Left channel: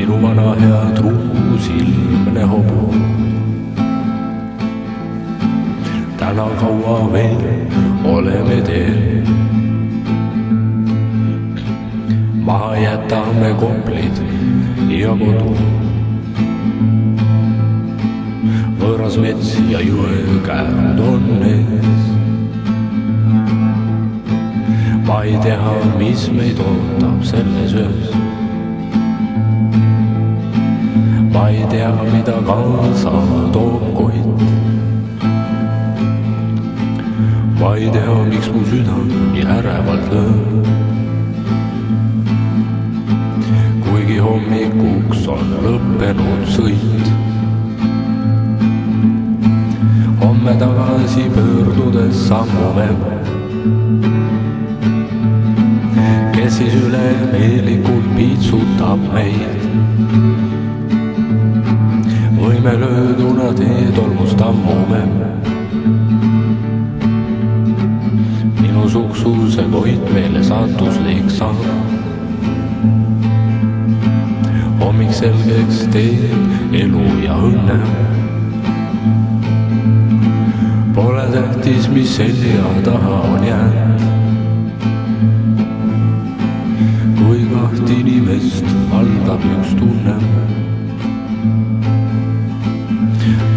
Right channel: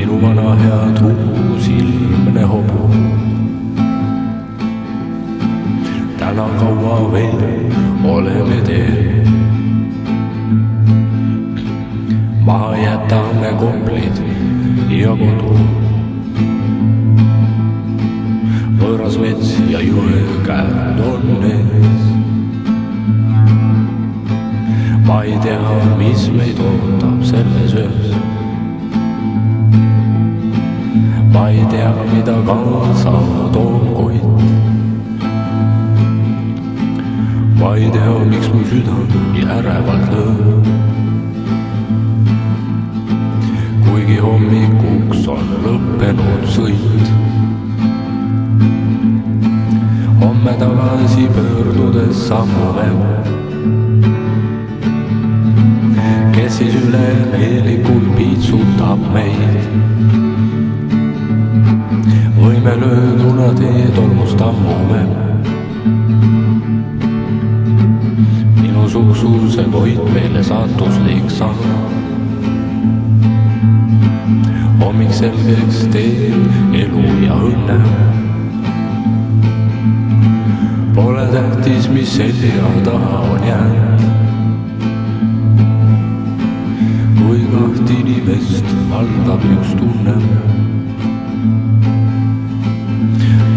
minu vana hea truusilmne hobu. Täna kaua veel oleme teel, maha jätame Koplid ja kodu. Võõras mets ja jõe käärud on ees. Ma ei tea, mis meid ootab selles öös. Ma ei tea, mida kaasa toob Koit. Ma ei tea, miks mu süda nii ärevalt lööb. Kuigi hommikuks on lõppenud sõit. Homme tagasi pöördudes sammume, kes siis üle meelikult piitsutab meid. Või me lööduna teetolmust ammume. Minu suksuse Koit meile saatuslik saab. Hommik selgeks teeb elu ja õnne. Pole tähtis, mis selja taha on jäänud. Kui kaht inimest valdab üks tunne.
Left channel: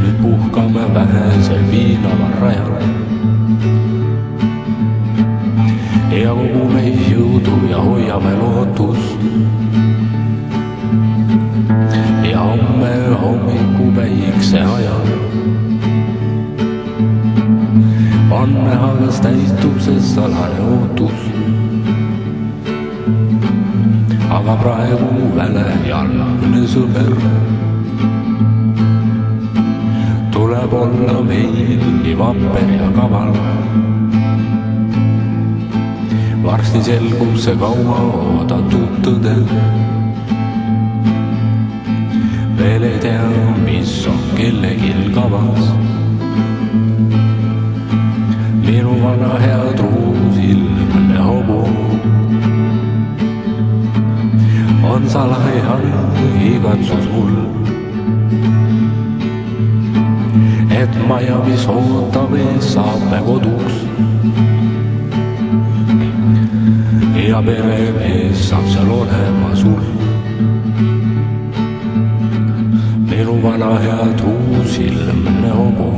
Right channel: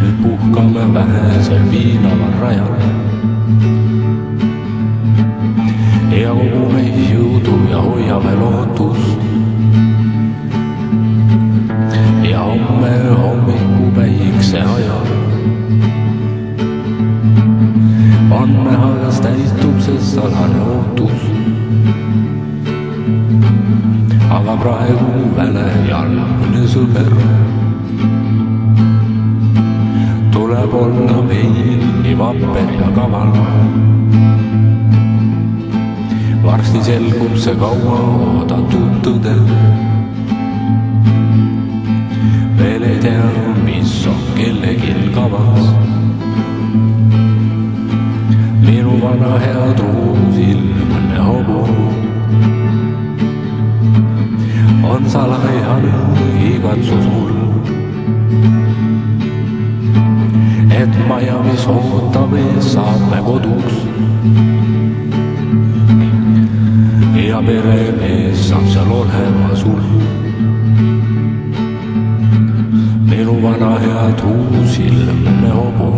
Nüüd puhkame vähesel piinaval rajal. Ja kogume jõudu ja hoiame lootust. Ja homme hommiku päikse ajal on näha, kas täitub see salane ootus. Aga praegu mu väle jalgne sõber tuleb olla meil nii vapper ja kaval. Varsti selgub see kaua oodatud tõde. Veel ei tea, mis on kellegil kavas. Minu vana hea truusilmne hobu on salajane igatsus mul, et maja, mis ootab ees, saab me koduks. Ja peremees saab seal olema sul. Minu vana hea truusilmne hobu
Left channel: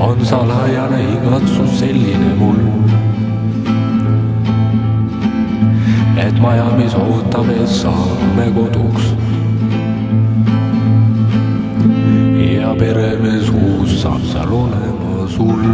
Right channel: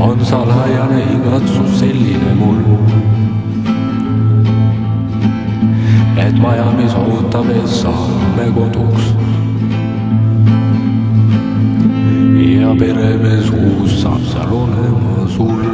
on salajane igatsus selline mul, et maja, mis ootab ees, saab me koduks. Ja peremees uus saab seal olema sul.